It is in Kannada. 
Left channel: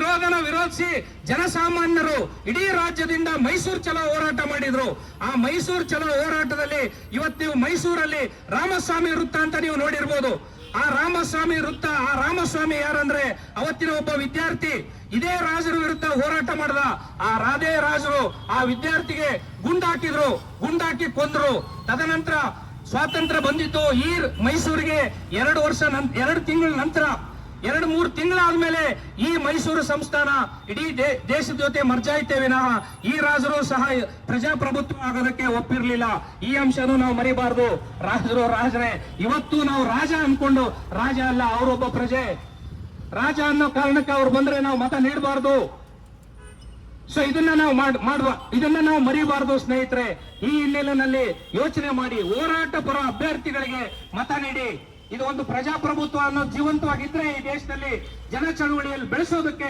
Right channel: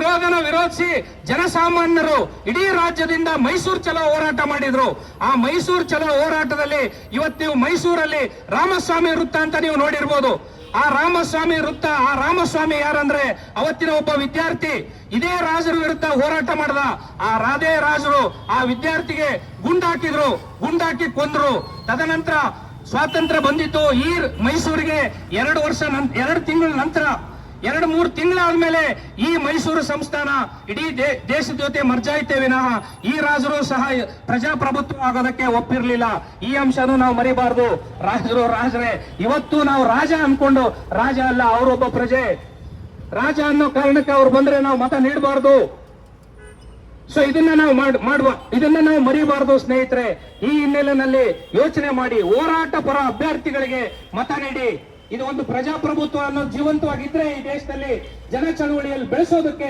ವಿರೋಧನ ವಿರೋಧಿಸಿ ಜನಸಾಮಾನ್ಯರು ಇಡೀ ರಾಜ್ಯದಿಂದ ಮೈಸೂರು ಚಲೋ ಹೋರಾಟ ಮಾಡಿದ್ರು. ಆ ಮೈಸೂರು ಚಲೋ ಹೋರಾಟದಲ್ಲಿ ಇವತ್ತು ನೀವು ಮೈಸೂರಲ್ಲಿ ರಾಮಸ್ವಾಮಿ ವೃತ್ತ ಅಂತ ನೀವು ನೋಡಿರ್ಬೋದು. ಆ ರಾಮಸ್ವಾಮಿ ವೃತ್ತ, ಆ ರಾಮಸ್ವಾಮಿ ಯಾರಂದ್ರೆ ಅವತ್ತಿನ ಒಬ್ಬ ವಿದ್ಯಾರ್ಥಿ. ಇದೇ ರಾಜರ ವಿರುದ್ಧ ಹೋರಾಟ ಮಾಡಿದ. ಆ ರಾಧೇ ರಾಜರು ಆ ವಿದ್ಯಾರ್ಥಿಗೆ ಗುಂಡಾಕಿದ್ರು. ಗುಂಡಾಕಿ ಕೊಂದ್ರು. ತದನಂತರ ಸ್ವಾತಂತ್ರ್ಯ ಬಂದಿತ್ತು. ಈ ಮೈಸೂರಿಗೆ ಎರಡು ವರ್ಷ ಎರಡು ತಿಂಗಳ ನಂತರ ಎರಡು ಮೂರು ತಿಂಗಳಾದ್ಮೇಲೆ ಈ ಮೈಸೂರು ಸಂಸ್ಥಾನ ಇಡೀ ದೇಶದ ಜೊತೆ ಮರ್ಜಾಯಿತೆ ವಿನಃ ಈ ರಾಜರು ಸಹ ಪ್ರಜಾಪ್ರಭುತ್ವ ಆಗೋದಕ್ಕೆ ಒಪ್ಪಿರ್ಲಿಲ್ಲ. ಈ ಅಂಶನೂ ನಾವು ಮರಿಬಾರ್ದು. ರಾಜರು ರಾಜರೇ, ಇವತ್ತು ನಾವು ರಾಜ ಅನ್ಕೊಂಡು ರಾಜ ಅಲ್ಲ, ಅವರೊಬ್ಬ ಪ್ರಜೆ. ರಾಜ ಅನ್ನೋ ಕಾರಣಕ್ಕೆ ಅವ್ರು ಬಂದ್ರೆ ನಾವು ಮತ ನೀಡಬಾರ್ದು. ಸೊ ಇದನ್ನ ನಾವು ಮಾಡ್- ಮಾಡುವ, ಇದನ್ನ ನಾವು ಮರಿಬಾರದು ಸ್ನೇಹಿತರೆ. ಈ ಹಿನ್ನೆಲೆಯಲ್ಲಿ ಯೋಚನೆ ಮಾಡಿ ಹೋರಾಟ ಪರ ಅಭ್ಯರ್ಥಿಗಳಿಗೆ ಮತ ನೀಡಿ. ಇದು ಒಂದು ಪ್ರಜಾಪ್ರಭುತ್ವ ಅನ್ನೋದು ಜೀವಂತವಾಗಿದ್ರೆ ಈ ದೇಶದಲ್ಲಿ ಜನ ಚಳವಳಿಯಲ್ಲಿ ಬೆಳೆಸೋದಕ್ಕೆ